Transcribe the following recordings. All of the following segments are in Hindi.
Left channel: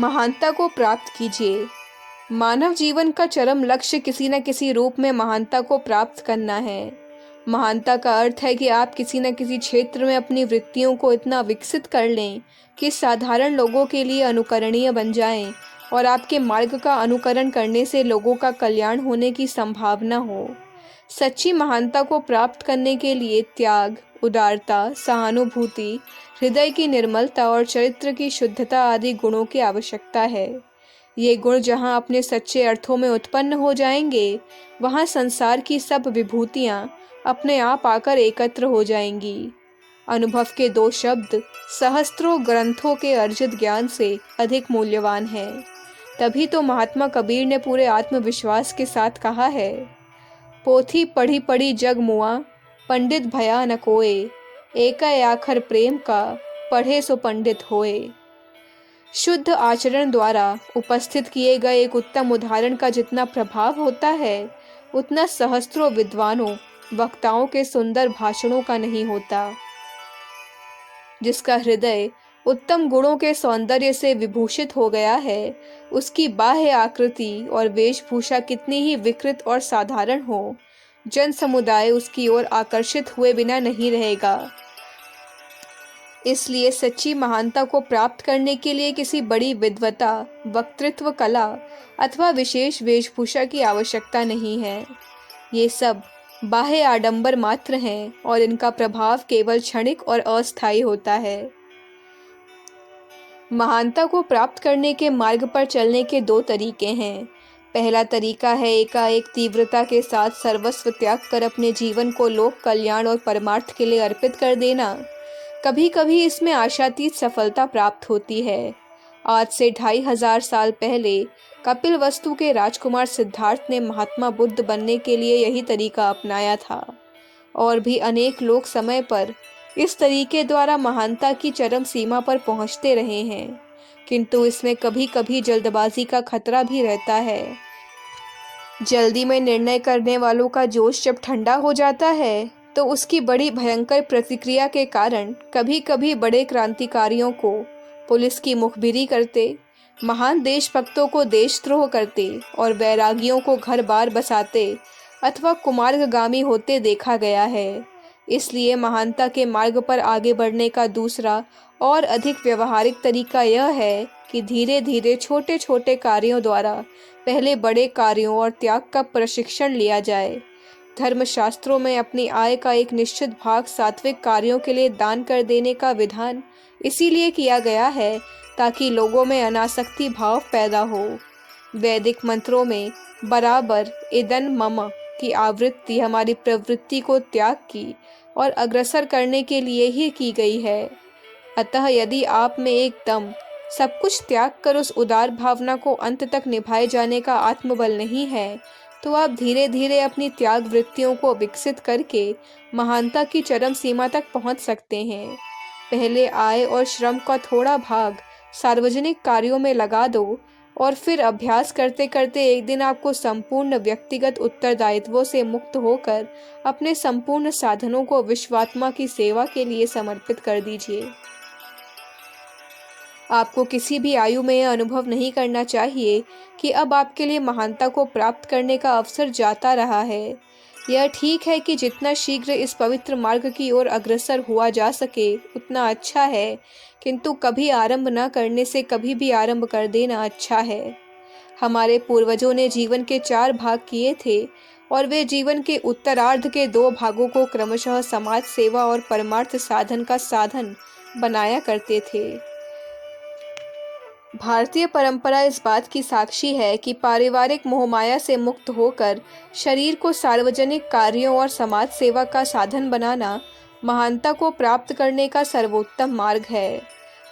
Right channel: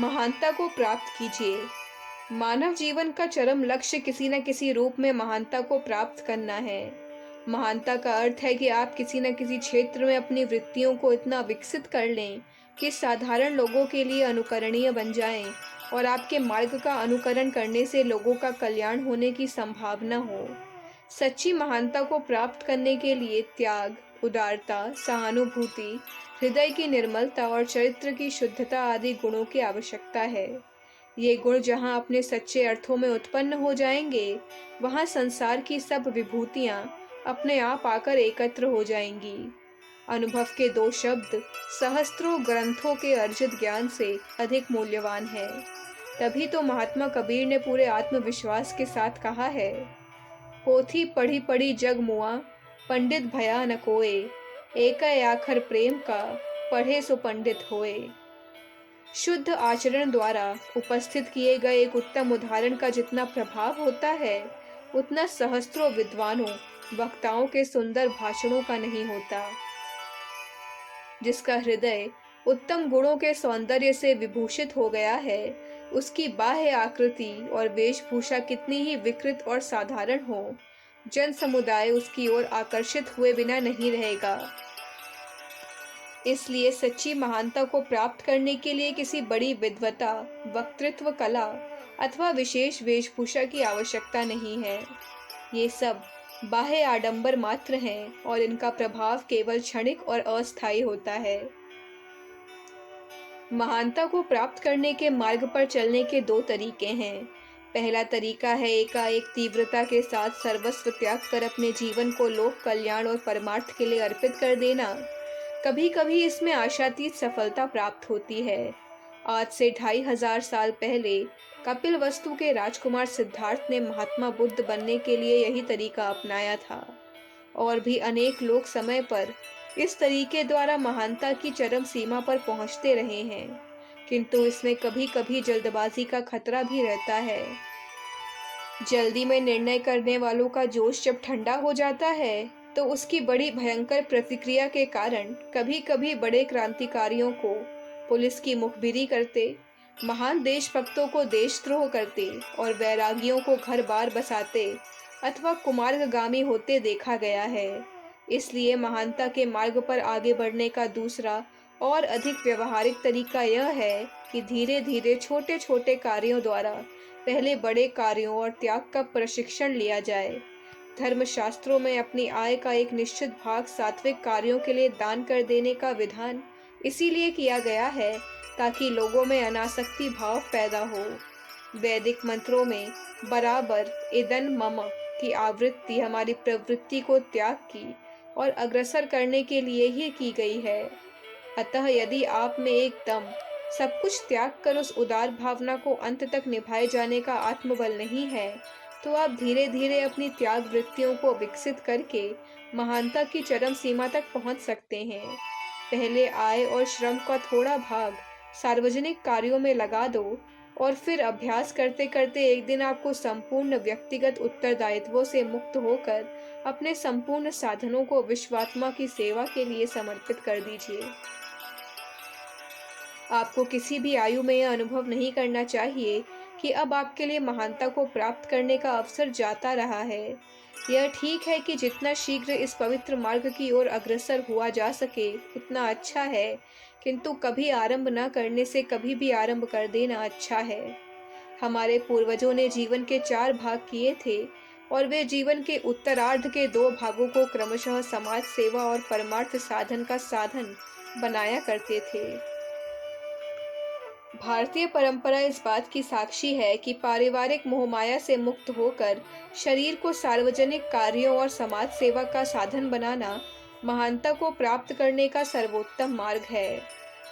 महानता को प्राप्त कीजिए। मानव जीवन का चरम लक्ष्य किसी न किसी रूप में महानता को प्राप्त करना है। महानता का अर्थ है कि आप किसी न किसी क्षेत्र में अपनी वृत्तियों को इतना विकसित कर लें कि साधारण लोगों के लिए अनुकरणीय बन जाएं और आपके मार्ग का अनुकरण करने से लोगों का कल्याण होने की संभावना हो। सच्ची महानता को प्राप्त करने के लिए त्याग, उदारता, सहानुभूति, हृदय की निर्मलता और चरित्र की शुद्धता आदि गुणों की आवश्यकता है। ये गुण जहाँ अपने सच्चे अर्थों में उत्पन्न हो जाएंगे, वहाँ संसार की सब विभूतियाँ अपने आप आकर एकत्र हो जाएंगी। अनुभव के दो शब्द सहस्त्रों ग्रंथों के अर्जित ज्ञान से अधिक मूल्यवान हैं। तभी तो महात्मा कबीर ने पूरे आत्मविश्वास के साथ कहा है, पोथी पढ़ी पढ़ी जग मुआ, पंडित भया न कोय, एक आखर प्रेम का, पढ़े सो पंडित होए। शुद्ध आचरण द्वारा उपस्थित किए गए एक उत्तम उदाहरण का जितना प्रभाव होता है, उतना सहस्त्रों विद्वानों वक्ताओं के सुंदर भाषणों का नहीं होता। जिसका हृदय उत्तम गुणों के सौंदर्य से विभूषित हो गया है, उसकी बाह्य आकृति और वेशभूषा कितनी ही विकृत और साधारण हो, जन समुदाय उसकी ओर आकर्षित हुए बिना नहीं रहेगा। इसलिए सच्ची महानता को प्राप्त करने के लिए किसी बड़ी विद्वता, वक्तृत्व कला अथवा विशेष वेशभूषा की आवश्यकता नहीं है। ये सब बाह्य आडंबर मात्र हैं और इनका प्रभाव केवल क्षणिक और अस्थायी होता है। महानता को प्राप्त करने के मार्ग पर चलने के दो तरीके हैं। पहला तरीका है एकाएक तीव्रता के साथ सर्वस्व त्याग कर अपने जीवन को लोक कल्याण और परमार्थ के लिए अर्पित कर देना। कभी कभी इसमें आशातीत सफलता प्राप्त होती है। आज से 2500 साल पहले कपिलवस्तु के राजकुमार सिद्धार्थ ने महात्मा बुद्ध बनने के लिए यही तरीका अपनाया था और भी अनेक लोग समय पर इस तरीके द्वारा महानता की चरम सीमा पर पहुंचते रहे हैं, किंतु इसमें कभी कभी जल्दबाजी का खतरा भी रहता है। जल्दी में निर्णय करने वालों का जोश जब ठंडा हो जाता है, तो उसकी बड़ी भयंकर प्रतिक्रिया के कारण कभी कभी बड़े क्रांतिकारियों को पुलिस की मुखबिरी करते, महान देशभक्तों को देशद्रोह करते और वैरागियों को घर बार बसाते अथवा कुमार्गगामी होते देखा गया है। इसलिए महानता के मार्ग पर आगे बढ़ने का दूसरा और अधिक व्यवहारिक तरीका यह है कि धीरे धीरे छोटे छोटे कार्यों द्वारा पहले बड़े कार्यों और त्याग का प्रशिक्षण लिया जाए। धर्मशास्त्रों में अपनी आय का एक निश्चित भाग सात्विक कार्यों के लिए दान कर देने का विधान इसीलिए किया गया है ताकि लोगों में अनासक्ति भाव पैदा हो। वैदिक मंत्रों में बराबर इदं मम की आवृत्ति हमारी प्रवृत्ति को त्याग की और अग्रसर करने के लिए ही की गई है। अतः यदि आप में एकदम सब कुछ त्याग कर उस उदार भावना को अंत तक निभाए जाने का आत्मबल नहीं है, तो आप धीरे धीरे अपनी त्याग वृत्तियों को विकसित करके महानता की चरम सीमा तक पहुंच सकते हैं। पहले आय और श्रम का थोड़ा भाग सार्वजनिक कार्यों में लगा दो और फिर अभ्यास करते करते एक दिन आपको संपूर्ण व्यक्तिगत उत्तरदायित्वों से मुक्त होकर अपने संपूर्ण साधनों को विश्वात्मा की सेवा के लिए समर्पित कर दीजिए। आपको किसी भी आयु में यह अनुभव नहीं करना चाहिए कि अब आपके लिए महानता को प्राप्त करने का अवसर जाता रहा है। यह ठीक है कि जितना शीघ्र इस पवित्र मार्ग की ओर अग्रसर हुआ जा सके उतना अच्छा है, किंतु कभी आरंभ न करने से कभी भी आरंभ कर देना अच्छा है। हमारे पूर्वजों ने जीवन के 4 भाग किए थे और वे जीवन के उत्तरार्ध के 2 भागों को क्रमशः समाज सेवा और परमार्थ साधन का साधन बनाया करते थे। भारतीय परंपरा इस बात की साक्षी है कि पारिवारिक मोहमाया से मुक्त होकर शरीर को सार्वजनिक कार्यों और समाज सेवा का साधन बनाना महानता को प्राप्त करने का सर्वोत्तम मार्ग है।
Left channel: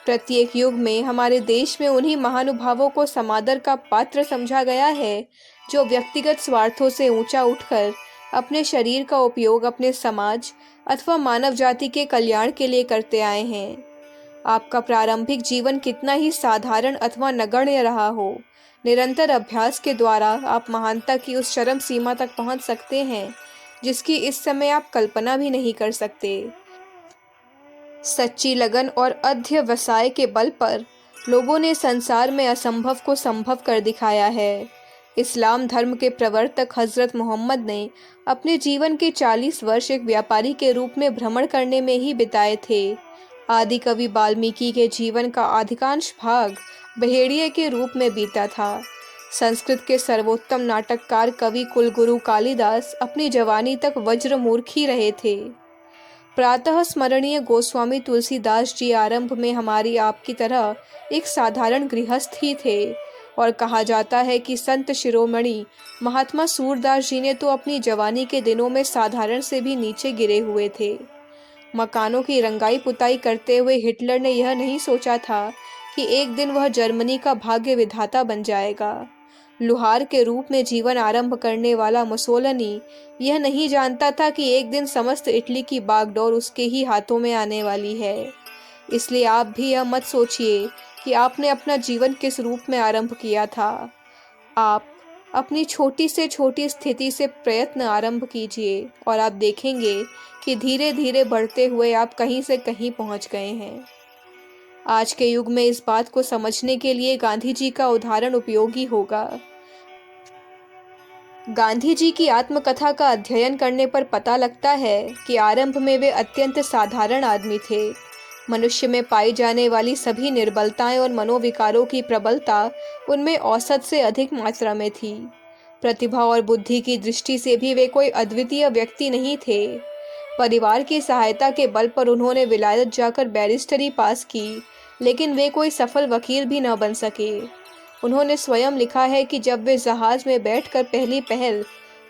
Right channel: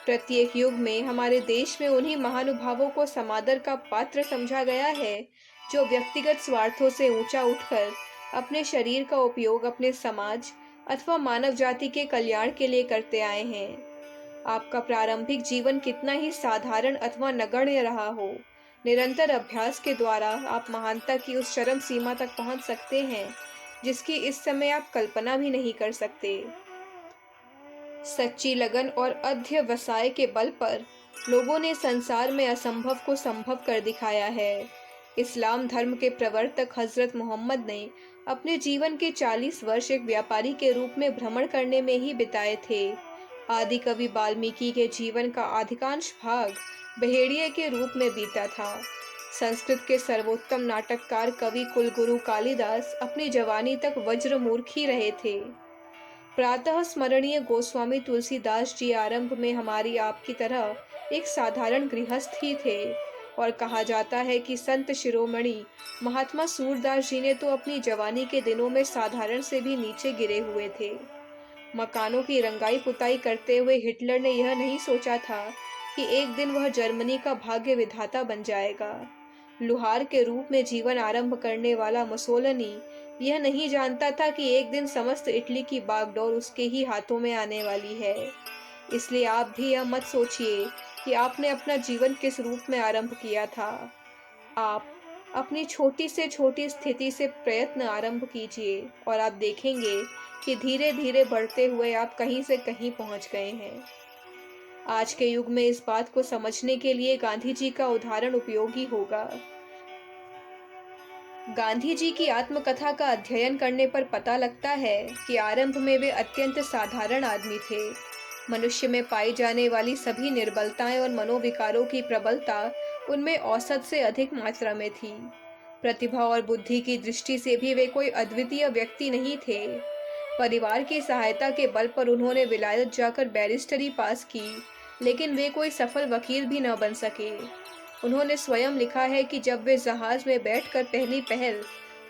प्रत्येक युग में हमारे देश में उन्हीं महानुभावों को समादर का पात्र समझा गया है जो व्यक्तिगत स्वार्थों से ऊंचा उठकर अपने शरीर का उपयोग अपने समाज अथवा मानव जाति के कल्याण के लिए करते आए हैं। आपका प्रारंभिक जीवन कितना ही साधारण अथवा नगण्य रहा हो, निरंतर अभ्यास के द्वारा आप महानता की उस चरम सीमा तक पहुंच सकते हैं जिसकी इस समय आप कल्पना भी नहीं कर सकते। सच्ची लगन और अध्यवसाय के बल पर लोगों ने संसार में असंभव को संभव कर दिखाया है। इस्लाम धर्म के प्रवर्तक हज़रत मोहम्मद ने अपने जीवन के 40 वर्ष एक व्यापारी के रूप में भ्रमण करने में ही बिताए थे। आदि कवि वाल्मीकि के जीवन का अधिकांश भाग भेड़िए के रूप में बीता था। संस्कृत के सर्वोत्तम नाटककार कवि कुलगुरु कालिदास अपनी जवानी तक वज्रमूर्ख ही रहे थे। प्रातः स्मरणीय गोस्वामी तुलसीदास जी आरंभ में हमारी आपकी तरह एक साधारण गृहस्थ ही थे, और कहा जाता है कि संत शिरोमणि महात्मा सूरदास जी ने तो अपनी जवानी के दिनों में साधारण से भी नीचे गिरे हुए थे। मकानों की रंगाई पुताई करते हुए हिटलर ने यह नहीं सोचा था कि एक दिन वह जर्मनी का भाग्य विधाता बन जाएगा। लुहार के रूप में जीवन आरंभ करने वाला मुसोलिनी यह नहीं जानता था कि एक दिन समस्त इटली की बागडोर उसके ही हाथों में आने वाली है। इसलिए आप भी यह मत सोचिए कि आपने अपना जीवन किस रूप में आरंभ किया था। आप अपनी छोटी से छोटी स्थिति से प्रयत्न आरंभ कीजिए और आप देखेंगे कि धीरे धीरे बढ़ते हुए आप कहीं से कहीं पहुंच गए हैं। आज के युग में इस बात को समझने के लिए गांधी जी का उदाहरण उपयोगी होगा। गांधी जी की आत्मकथा का अध्ययन करने पर पता लगता है कि आरंभ में वे अत्यंत साधारण आदमी थे। मनुष्य में पाई जाने वाली सभी निर्बलताएं और मनोविकारों की प्रबलता उनमें औसत से अधिक मात्रा में थी। प्रतिभा और बुद्धि की दृष्टि से भी वे कोई अद्वितीय व्यक्ति नहीं थे। परिवार की सहायता के बल पर उन्होंने विलायत जाकर बैरिस्टरी पास की, लेकिन वे कोई सफल वकील भी न बन सके। उन्होंने स्वयं लिखा है कि जब वे जहाज में बैठकर पहली पहल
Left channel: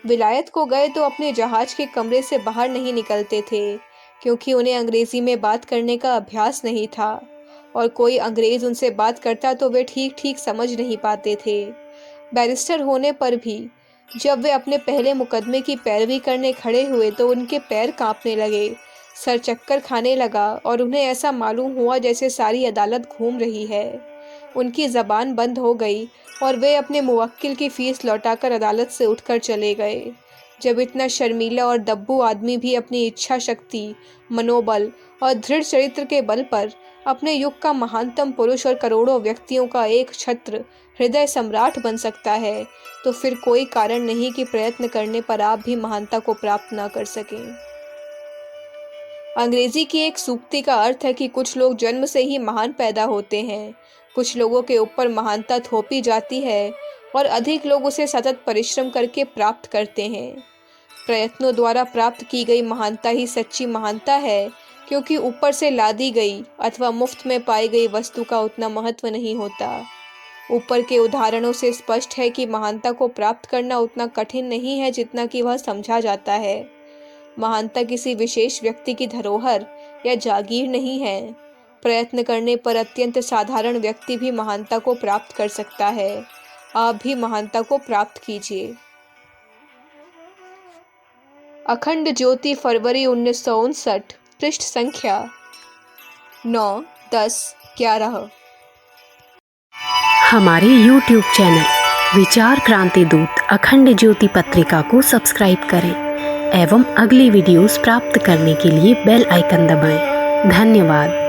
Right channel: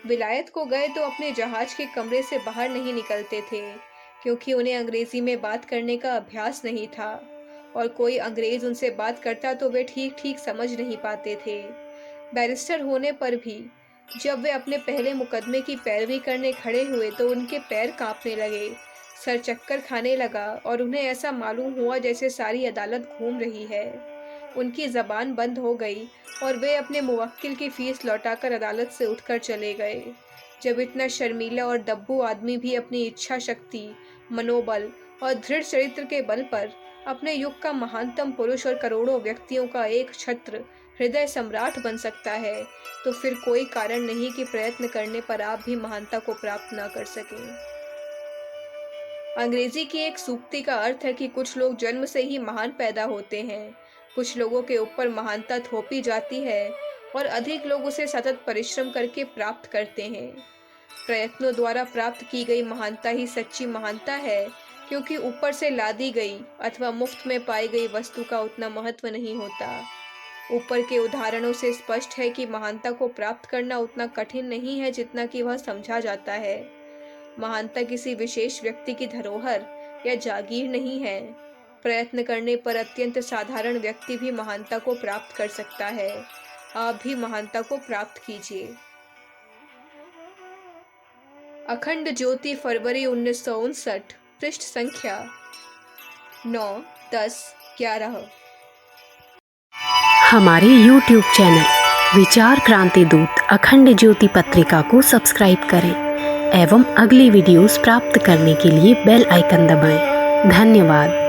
विलायत को गए तो अपने जहाज के कमरे से बाहर नहीं निकलते थे, क्योंकि उन्हें अंग्रेजी में बात करने का अभ्यास नहीं था, और कोई अंग्रेज उनसे बात करता तो वे ठीक ठीक समझ नहीं पाते थे। बैरिस्टर होने पर भी जब वे अपने पहले मुकदमे की पैरवी करने खड़े हुए तो उनके पैर कांपने लगे, सर चक्कर खाने लगा और उन्हें ऐसा मालूम हुआ जैसे सारी अदालत घूम रही है। उनकी ज़बान बंद हो गई और वे अपने मुवक्किल की फीस लौटाकर अदालत से उठकर चले गए। जब इतना शर्मीला और दब्बू आदमी भी अपनी इच्छा शक्ति, मनोबल और दृढ़ चरित्र के बल पर अपने युग का महानतम पुरुष और करोड़ों व्यक्तियों का एक छत्र हृदय सम्राट बन सकता है, तो फिर कोई कारण नहीं कि प्रयत्न करने पर आप भी महानता को प्राप्त ना कर सकें। अंग्रेजी की एक सूक्ति का अर्थ है कि कुछ लोग जन्म से ही महान पैदा होते हैं, कुछ लोगों के ऊपर महानता थोपी जाती है और अधिक लोग उसे सतत परिश्रम करके प्राप्त करते हैं। प्रयत्नों द्वारा प्राप्त की गई महानता ही सच्ची महानता है, क्योंकि ऊपर से लादी गई अथवा मुफ्त में पाई गई वस्तु का उतना महत्व नहीं होता। ऊपर के उदाहरणों से स्पष्ट है कि महानता को प्राप्त करना उतना कठिन नहीं है जितना कि वह समझा जाता है। महानता किसी विशेष व्यक्ति की धरोहर या जागीर नहीं है। प्रयत्न करने पर अत्यंत साधारण व्यक्ति भी महानता को प्राप्त कर सकता है। आप भी महानता को प्राप्त कीजिए। अखंड ज्योति, फरवरी 1959, पृष्ठ संख्या 9, 10, 11। हमारे YouTube चैनल विचार क्रांति दूत अखंड ज्योति पत्रिका को सब्सक्राइब करें एवं अगली वीडियोस प्राप्त करने के लिए बेल आइकन दबाएं। धन्यवाद।